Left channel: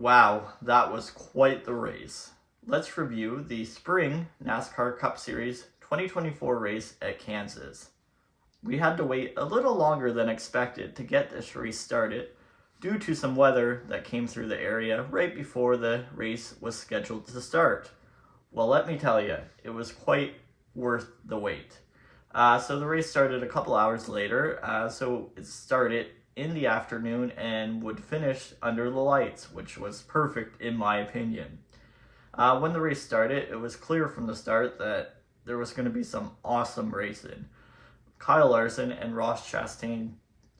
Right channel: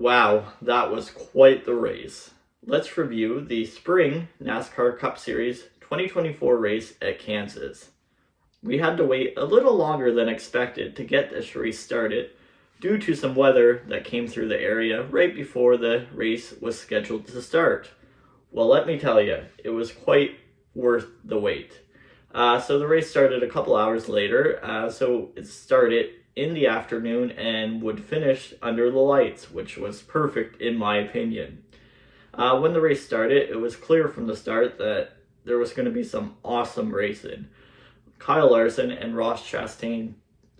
Wow, that was quite the race. Let's review the Spring NASCAR Cup Series 2024 race at Kansas. We had to wait a little longer than expected to get this race started due to some weather that came through the area right before the race was scheduled to start. Well, let me tell you, it was quite worth the wait. So the race started a couple hours later, so it started in the afternoon and would finish under the lights, which was perfect in my opinion. When the race started, it was clear from the start that there was going to be some awesome racing. Kyle Larson and Ross Chastain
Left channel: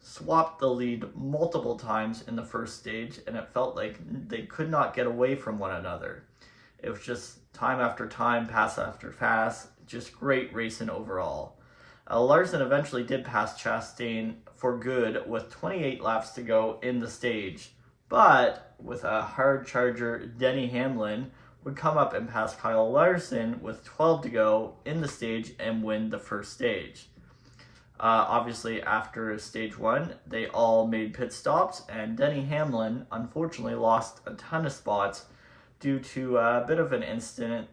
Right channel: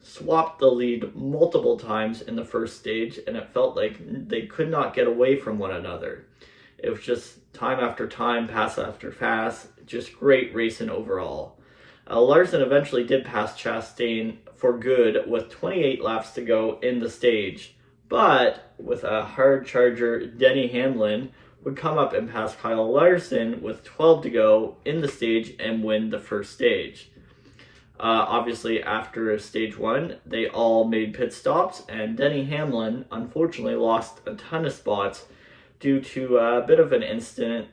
swapped the lead multiple times in the first stage, and it felt like they could not get away from one another. It was just time after time, pass after pass, just great racing overall. Larson eventually did pass Chastain for good with 28 laps to go in the stage, but with a hard charger, Denny Hamlin would come up and pass Kyle Larson with 12 to go in the stage and win the first stage. Obviously, after stage one, they all made pit stops, and Denny Hamlin unfortunately lost a ton of spots due to a bit of an incident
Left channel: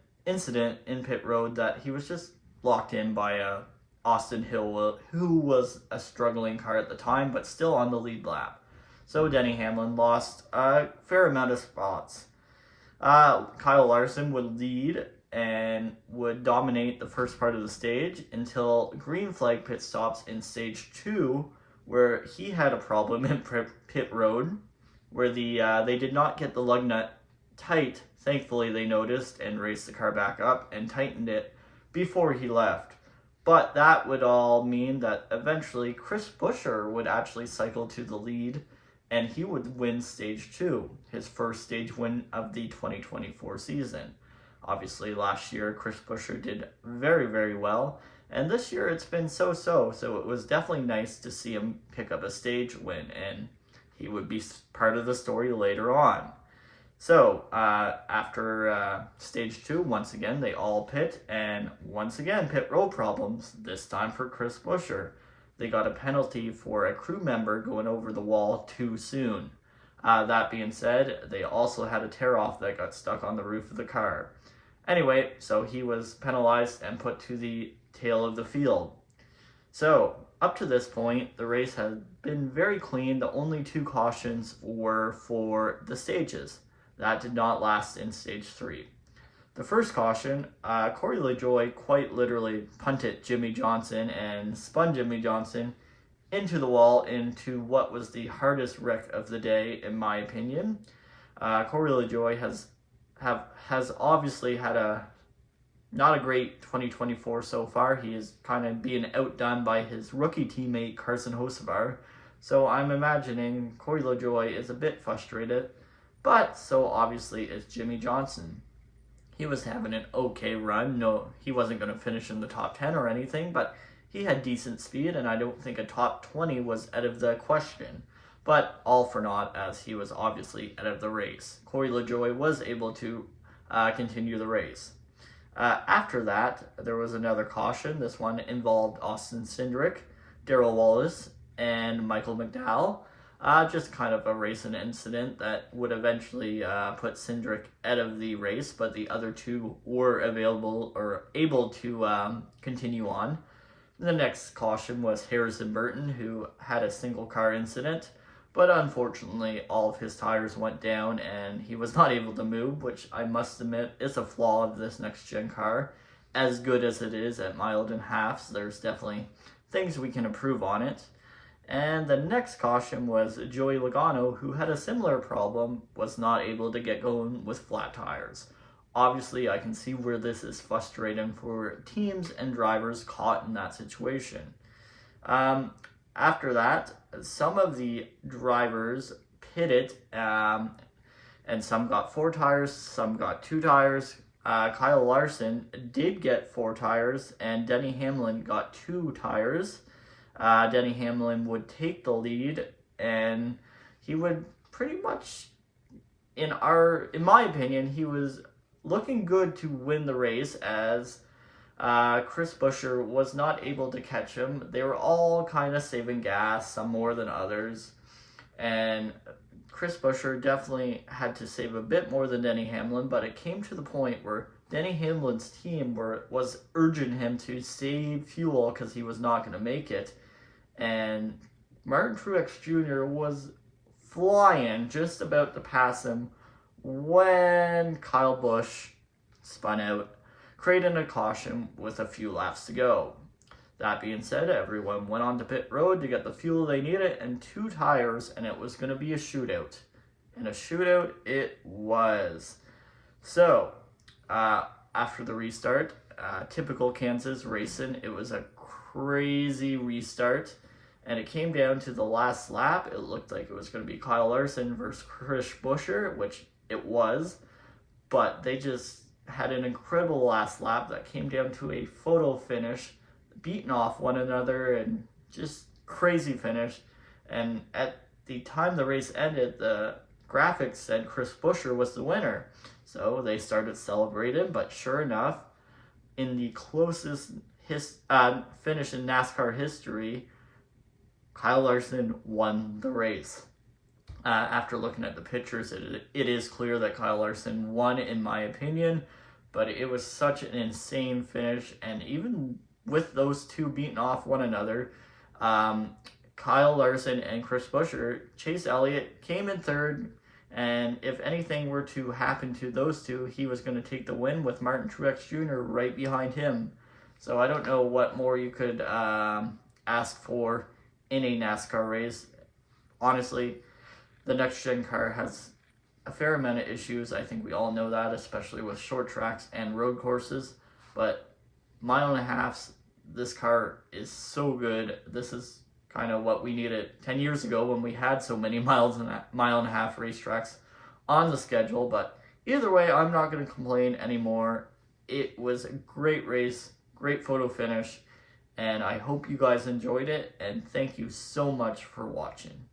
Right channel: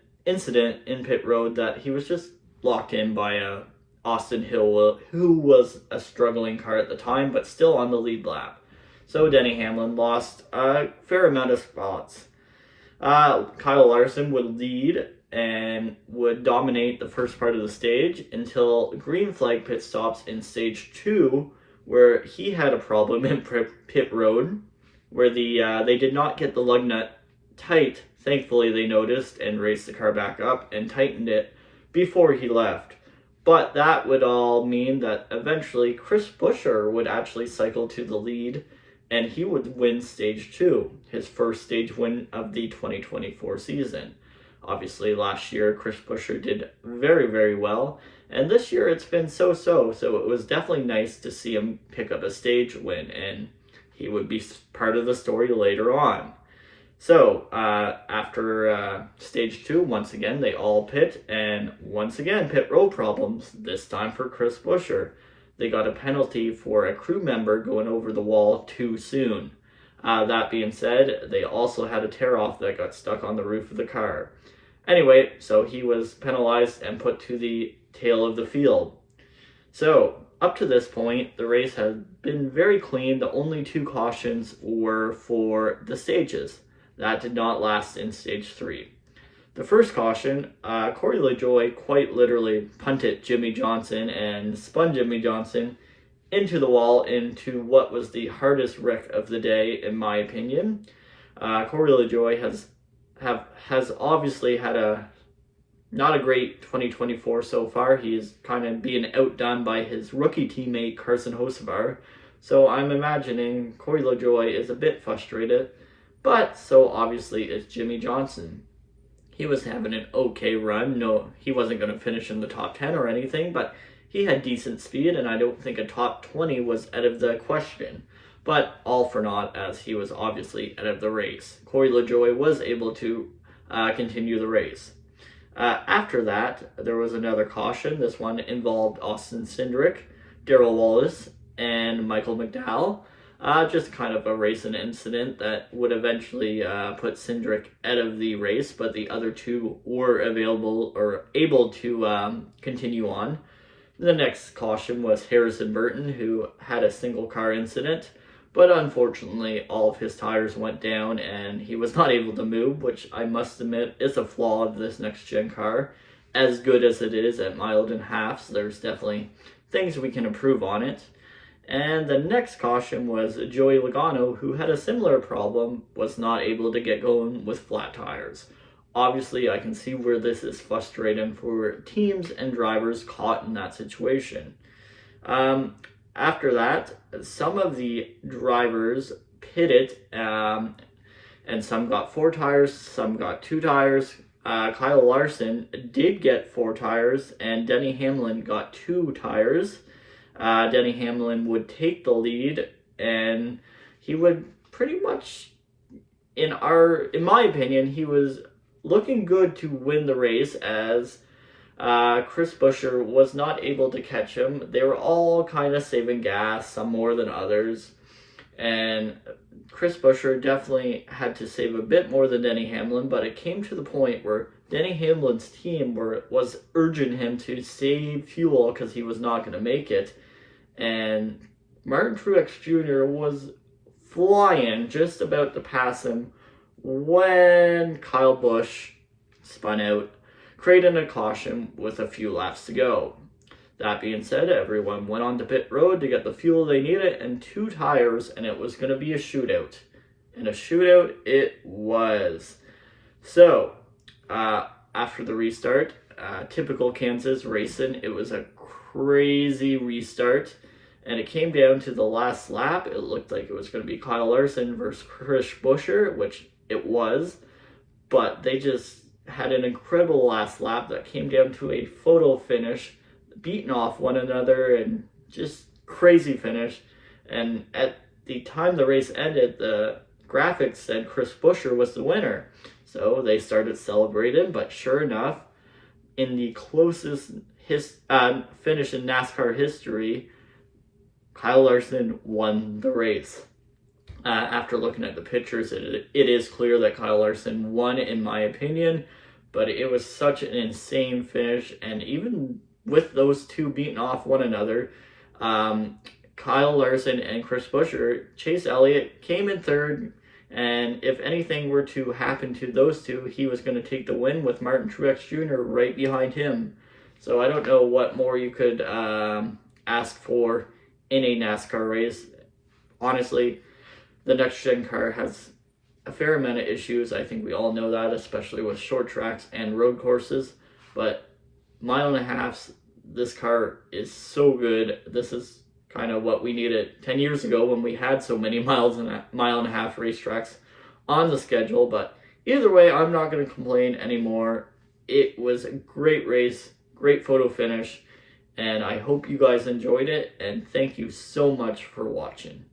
in pit road that he was just locked in by Austin Hill, who was a struggling car at the time, but still on the lead lap. So Denny Hamlin lost a fair amount of spots. Kyle Larson would lead and would dominate the first part of the stage until green flag pit stops in stage 2, where he had a problem in pit road, where they did not get the lug nut tight. Thankfully, they noticed and raised the car back up and tightened it before he left. But that would all mean that eventually Chris Buescher would actually cycle to the lead, and he would win stage 2, his first stage win of the 2024 season. Obviously, last year, Chris Buescher did very, very well, and this year it's been so-so, so it was definitely nice to see him pick up a stage win, and he would be part of the story later on. So, after stage 2, once again, they all pit, and once again, pit road problems, this time for Chris Buescher. They got a penalty for a crew member going over the wall too soon. That being said, they also had a tear-off that got stuck on the roof of the car. Anyway, so he was penalized and put to the tail of the field. So, up to this point, the race has been very clean. The only 2 cautions were for the stages. That did not last in stage 3. The first caution, Corey LaJoie quite literally punted Jimmy Johnson and spun Jimmy Johnson into the wall into what was the hardest wreck of the day, in my opinion. Corey LaJoie has obviously had not a great 2024 so far. He is kind of being outdone by his rookie teammate Carson Hocevar. So I'm imagining Corey LaJoie is a bit frustrated. But so obviously is Jimmy Johnson. He was having an okay run. No, he wasn't going to finish in the top 10 or anything, but he had decent speed, and I don't think a top 20 was out of the question. But all for naught, as he was obviously out of the race. Corey LaJoie was able to continue the race. After that, there was another caution. This one involved Austin Cindric, Darrell Wallace, and Michael McDowell. Just kind of a racing incident that would eventually put Cindric out of the race, but the other 2 were available or able to continue on. The next caution was Harrison Burton, who had a single car incident, but unfortunately all of his tires went down and he was not able to move, which I must admit is a flaw of this next-gen car. As good as it is at 1.5 miles, there's definitely things we can improve on it. And the next caution was Joey Logano, who had a similar problem, was not able to get going with flat tires. Obviously, I can see where this is frustrating for teams and drivers caught in that situation. After that, some of the drivers pitted, and some got 4 tires, some got 2 tires. Kyle Larson did get 4 tires, and Denny Hamlin got 2 tires. Denny Hamlin would take the lead, and he would pretty much, in my opinion, he was looking good to win the race, as Chris Buescher was not able to catch him. They were all kind of saving gas, some more than others, and Chris Buescher definitely had to save a bit more than Denny Hamlin, but it came to the point where Denny Hamlin's team was urging him to save fuel because he was not going to make it. And Martin Truex Jr. was flying, just about to pass him, when Kyle Busch spun out, creating a caution with a few laps to go. That being said, everyone went on to pit road to get the fuel they needed and 2 tires, and it was going to be a shootout. And a shootout it was. So, after the restart, typical Kansas racing, it was a crazy restart, and it came down to the last lap. It looked like it was going to be Kyle Larson versus Chris Buescher, which it was, but they just had an incredible last lap that came down to a photo finish, beating off one another, and just crazy finish. And at the time the race ended, the graphics said Chris Buescher was the winner. So they started celebrating, but sure enough, in the closest finish in NASCAR history, Kyle Larson won the race. After looking at the pictures, it is clear that Kyle Larson won, in my opinion, but it was such an insane finish. And even with those two beating off one another, Kyle Larson and Chris Buescher, Chase Elliott came in third, and if anything were to happen to those two, he was going to take the win with Martin Truex Jr. right behind him. So I don't know what more you could ask for in a NASCAR race. Honestly, the next-gen car has a fair amount of issues. I think we all know that, especially with short tracks and road courses. But mile and a half, this car is so good. This is kind of what we needed 10 years ago when we had so many mile and a half racetracks on the schedule. But either way, I'm not going to complain anymore. It was a great race, great photo finish, and I hope you guys enjoyed it, and thank you so much for watching.